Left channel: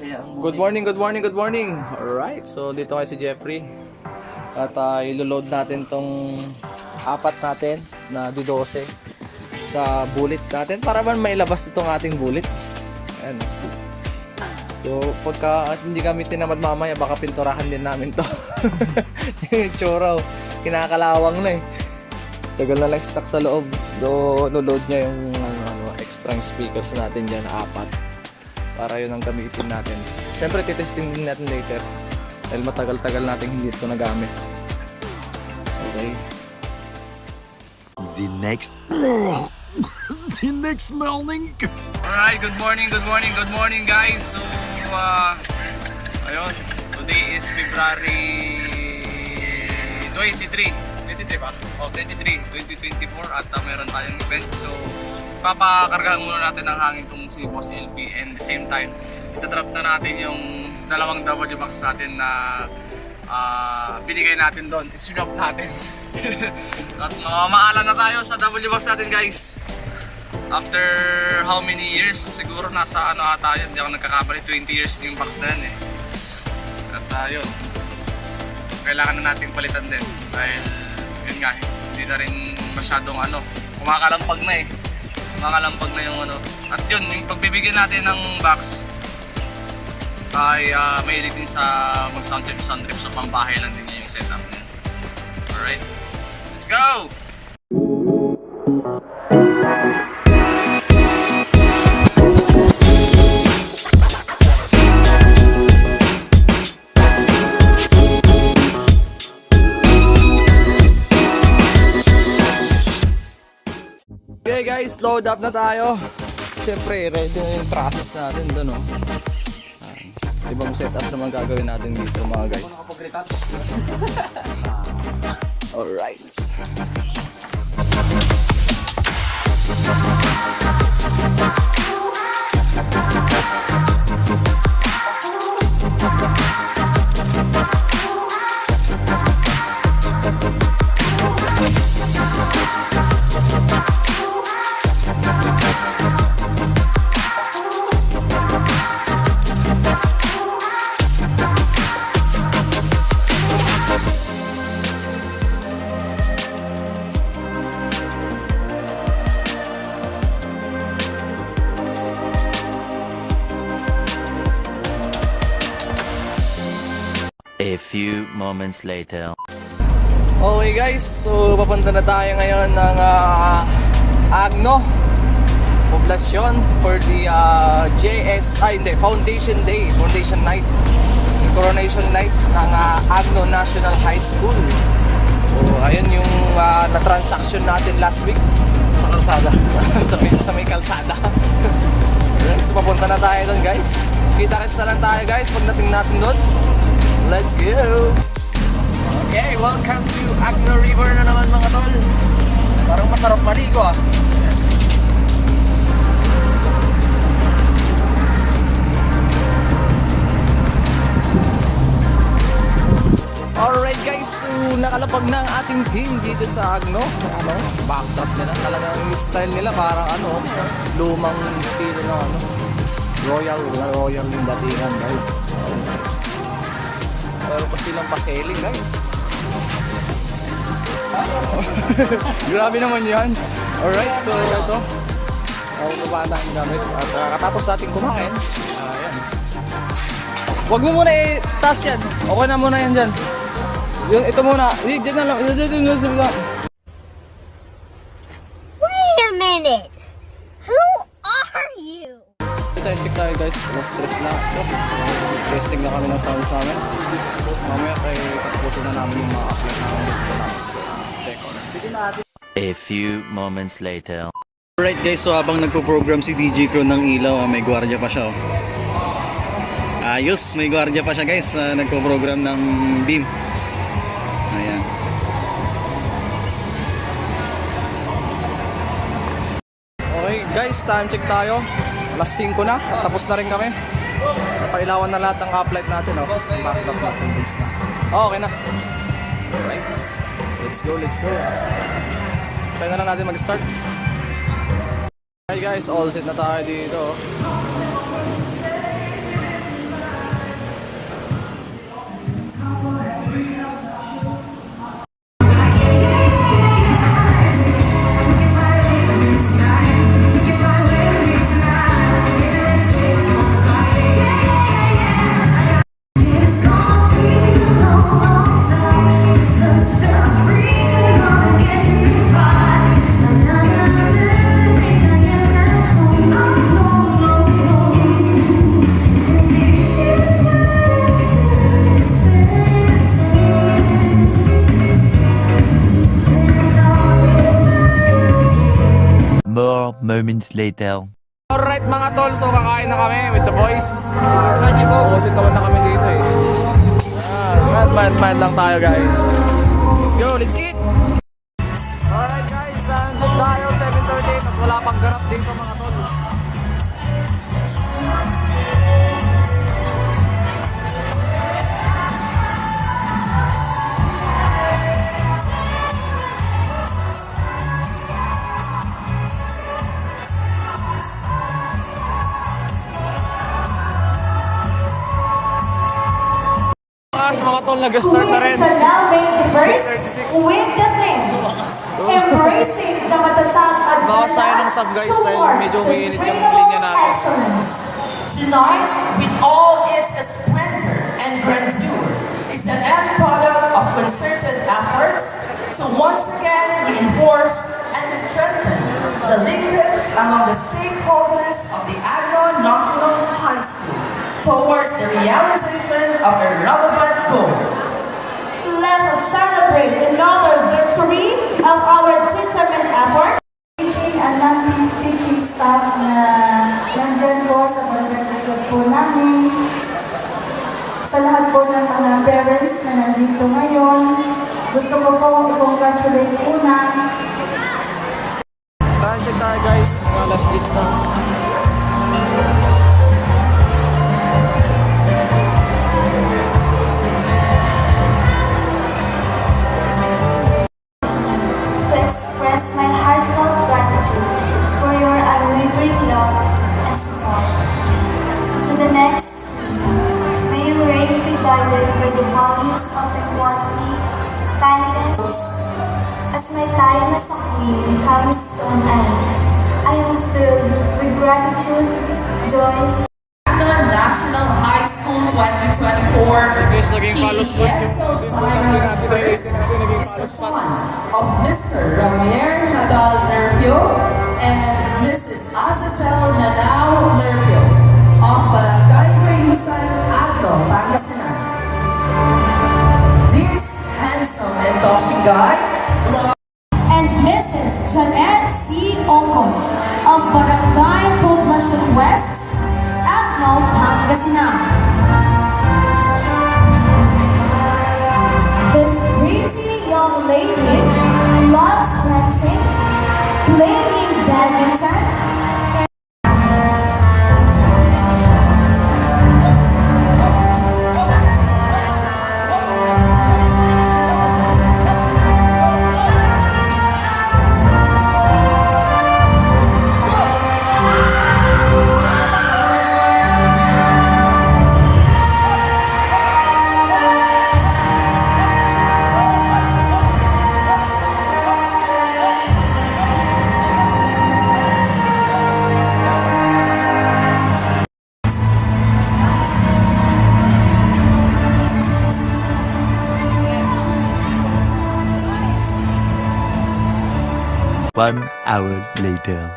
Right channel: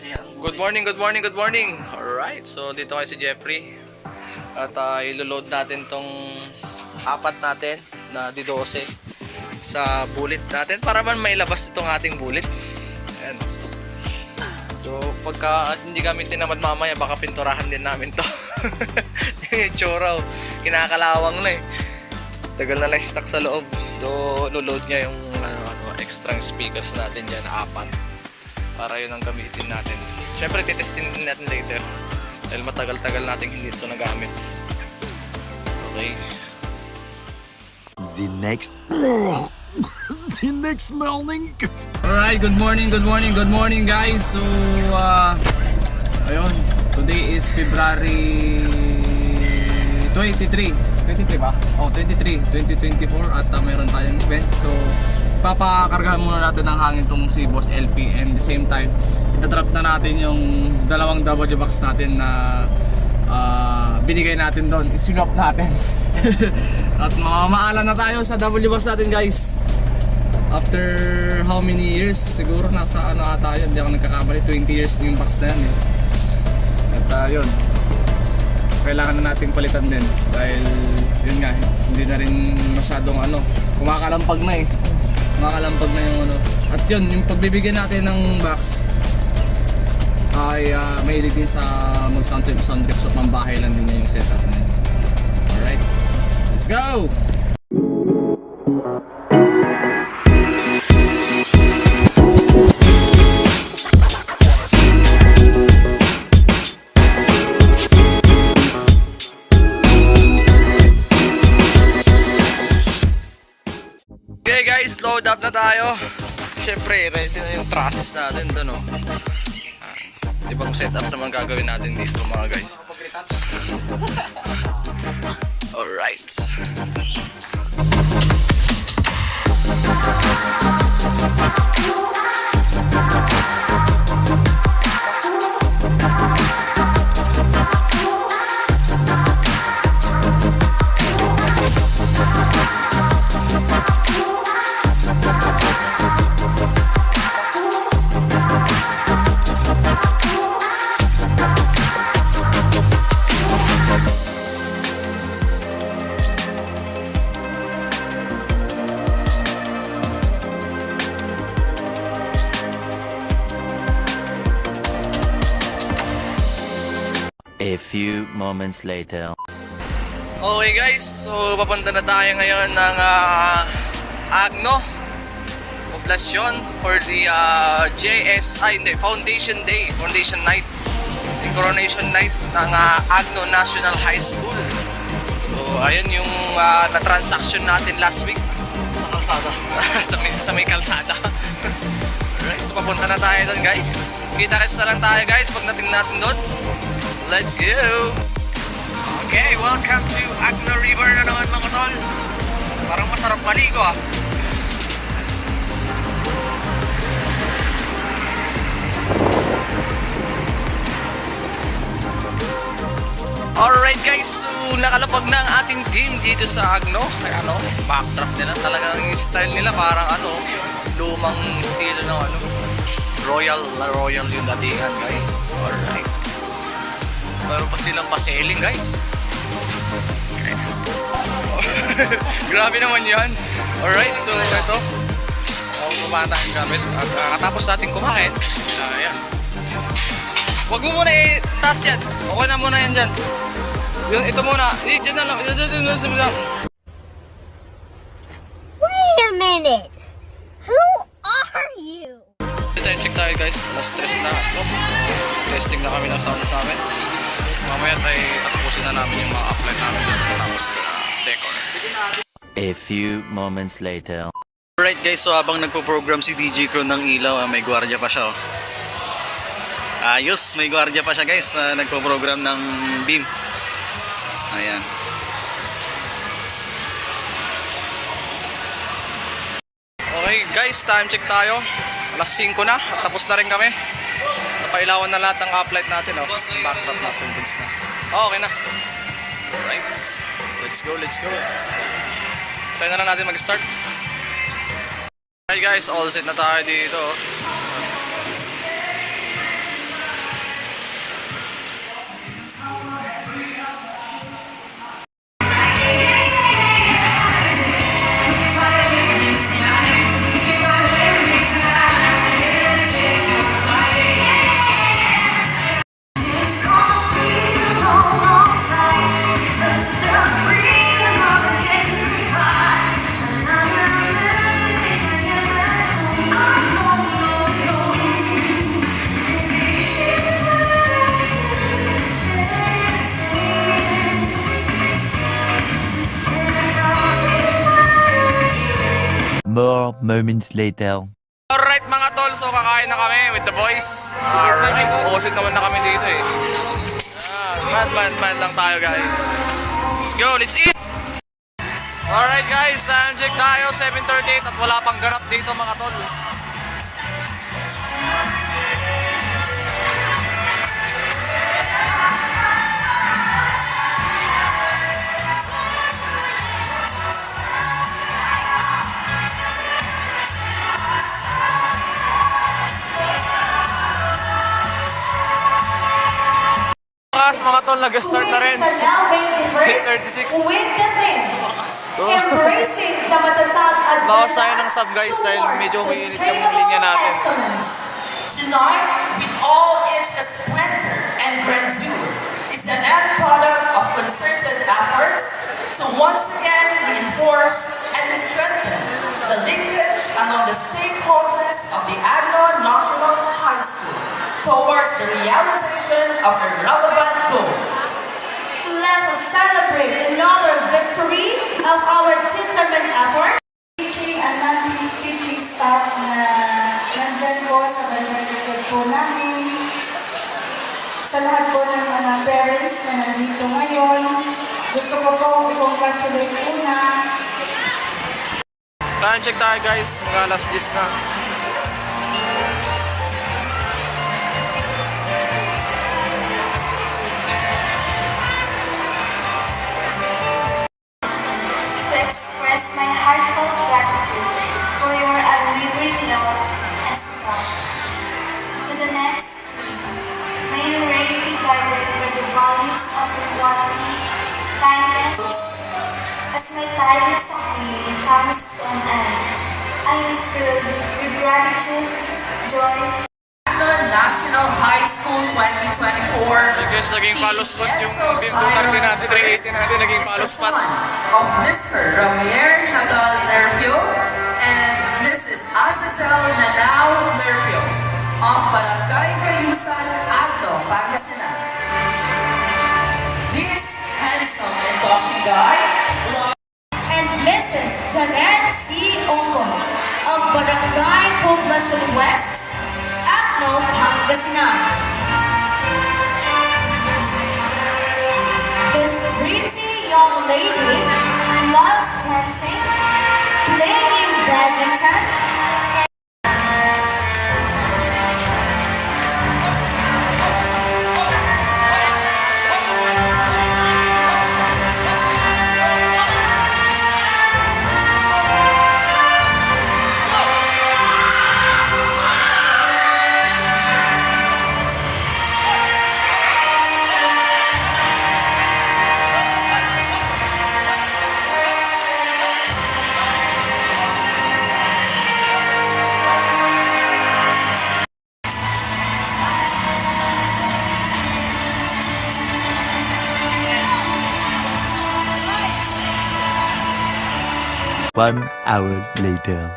masaya ang Good morning, good morning, good morning. Alright, so dito kayo si Jeffrey. At ilo-load natin tong apat natin na D12 sa bullet natin para man mailabas itong ating bullet. Ayan. So pagka hindi kami tinamad mamaya, baka pinturahan din namin to. Yung itsura, kinakalawang na eh. Tagal na lang stock sa loob. Do lo-load niya yung extra speakers natin dyan, apat. Para yun ang gamitin natin. Siyempre titestin din natin later. Dahil matagal-tagal natin hindi ito nagamit. Okay. The next morning. Alright, good morning, good morning, good morning guys. So, ayun. Today is February 23. 23 ba? Oh, 23, 2024 at meron tayong event. So, papakargahan muna natin ng hangin tong si Boss LP, and the same time itatrap na natin yung dalawang W box natin na binigay natin doon, isinop natin. At mamamaala na tayo sa W box natin guys after how many years, siguro nasa ano ata yun, hindi ako nagkakamali, 20 years yung box na yan eh. At yun, kailangan na natin palitan din dahil yun nga, hindi na rin masyadong kumakalampag na eh. Makalampag na yung at yun, yung pagbibigyan natin ng box ay mahilig din sa mag sound trip, so pambahay lang din niya yung setup niya. Alright, let's go! Okay guys, load up na tayo. Siyempre, ready na yung trusses natin doon, no? Ibang setup naman gagawin natin dito mga guys. Alright. A few moments later. Okay guys, so papunta na tayo ngayon ng Agno Poblacion for the Foundation Day, Foundation Night, the Coronation Night ng Agno National High School. So ayun yung na-transaction natin last week sa kalsada. sa may kalsada. Alright, so papunta na tayo doon guys. Kita-kits na lang tayo guys pagdating natin doon. Let's go! Okay, welcome to Agno River na naman mga tol. Parang masarap maligo ah. Alright guys, so nakalapag na ang ating team dito sa Agno. Ayan backdrop nila. Talagang yung style nila parang lumang estilo ng Royal yung datingan guys. Alright. Pero pa silang pa-sailing guys. Grabe naman yan. Alright, so ito baba natin gamit. At katapos natin kumain, ayan. Huwag mo muna i-taas yan. Okay na muna yan dyan. Ito muna. Diyan na lang. Wait a minute. Who are you? Time check tayo guys. Stress na ito. Testing na kami ng sounds namin. Mamaya tayo tapusin na namin yung mga apply namin dito tapos decor. A few moments later. Alright guys, so habang nagpo-program si DJ Crew ng ilaw, may gwardiya pa siya. Ayos, may gwardiya pa siya guys, nagpo-program ng beam. Ayan. Okay guys, time check tayo. Alas 5 na, tapos na rin kami. Napailawan na lahat ng uplight natin. Okay na. Alright, let's go, let's go. Tayo na lang natin mag-start. Alright guys, all set na tayo dito. moments later. Alright mga tol, so kakain na kami with the boys. Alright, opposite naman na kami dito eh. Man lang tayo guys. Let's go, let's eat! Alright guys, check tayo, 7:38 at wala pang ganap dito mga tol. Mga tol, nag-start na rin. Are now being diverse 36. with the thing. Embracing the matatag Bawas tayo ng agenda sub guys dahil medyo umiinit yung sustainable linya natin. excellence. Tonight, with all its splendor and grandeur, is an end product of concerted efforts to once again reinforce and strengthen the linkage among the stakeholders of the Agno National High School towards the realization of a relevant goal. Let us celebrate another victory of our determined effort. Teaching and non-teaching staff na nandyan po sa bandang likod po namin. Sa lahat po ng mga parents na nandito ngayon, gusto ko po i-congratulate una. Check tayo guys, mga last list na. To express my heartfelt gratitude for your unwavering love and support. To the next, may your reign be guided by the values of equality, kindness. As my time as a queen comes to an end, I am filled with gratitude, joy, Agno National High School 2024 Okay guys, naging follow spot yung beam 230 natin, 380 natin, naging follow spot. of Mr. Ramier Nagal Nervio and Mrs. Azazel Nanao Nervio of Barangay Cayusan, Agno, Pangasinan. This handsome and dashing guy And Mrs. Janet C. Ongkong of Barangay Poblacion West, Agno, Pangasinan. This pretty young lady loves dancing, playing badminton, One hour later.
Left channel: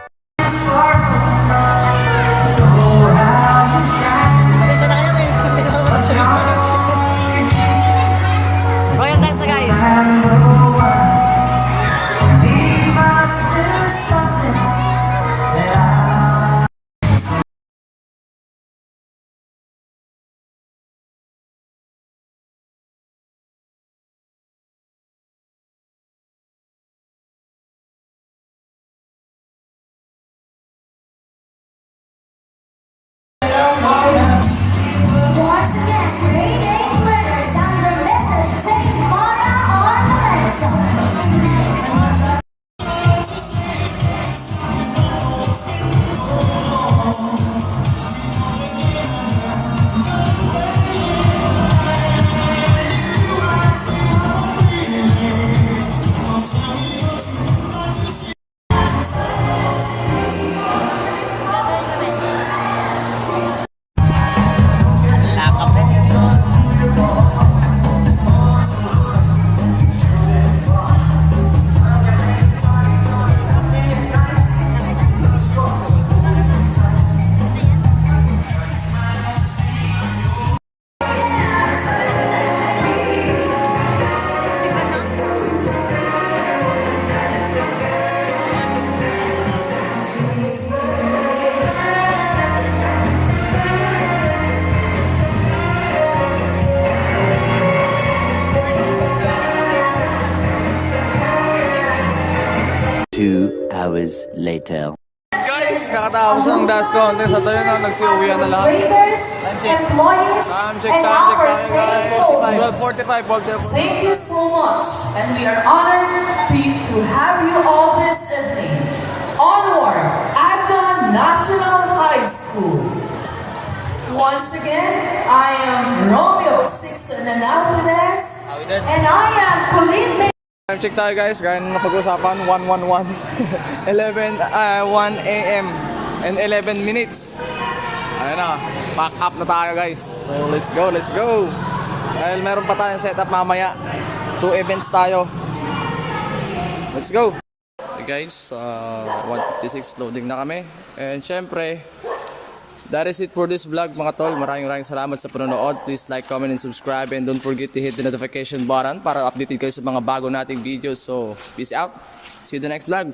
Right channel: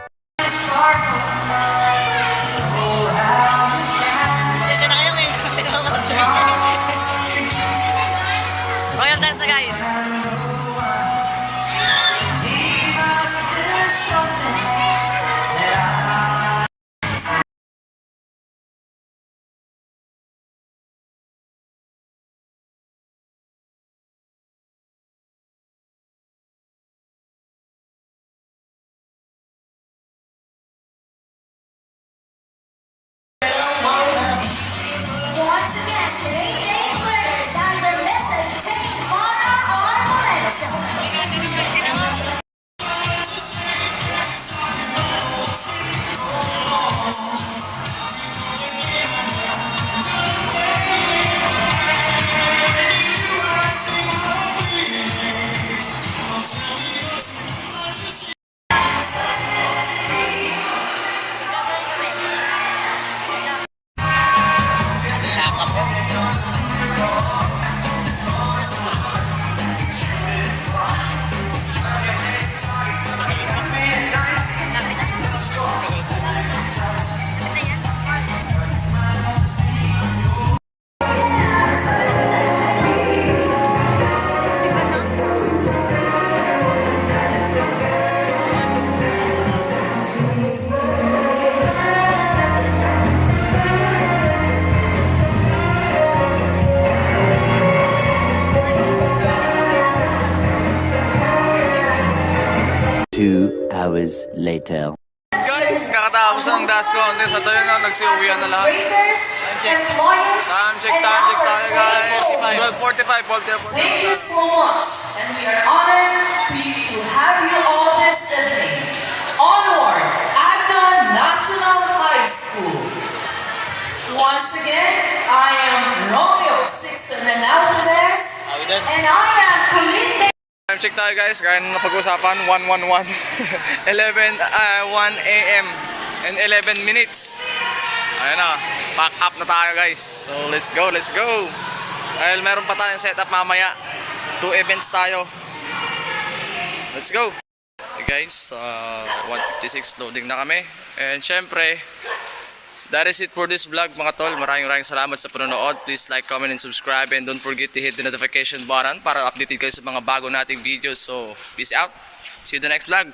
Royal dance na guys. hours later. Guys, kakatapos ng dance contest at ayun na, nagsiuwian na lahat. Employees, Time check and tayo our guys. students. 12:45, 12:45. Thank you so much, and we are honored to have you all this evening. Onward, Agnon National High School. Once again, I am Romeo Sixto Hernandez. And I am Colleen. Time check tayo guys, gaya nung napag-usapan, 1:11. 1 a.m. and 11 minutes. Ayan na, pack up na tayo guys. So let's go, let's go. Dahil meron pa tayong setup mamaya. 2 events tayo. Let's go. Okay guys, 156 loading na kami. And syempre, that is it for this vlog mga tol. Maraming salamat sa panonood. Please like, comment, and subscribe. And don't forget to hit the notification button para updated kayo sa mga bago nating videos. So, peace out. See you in the next vlog.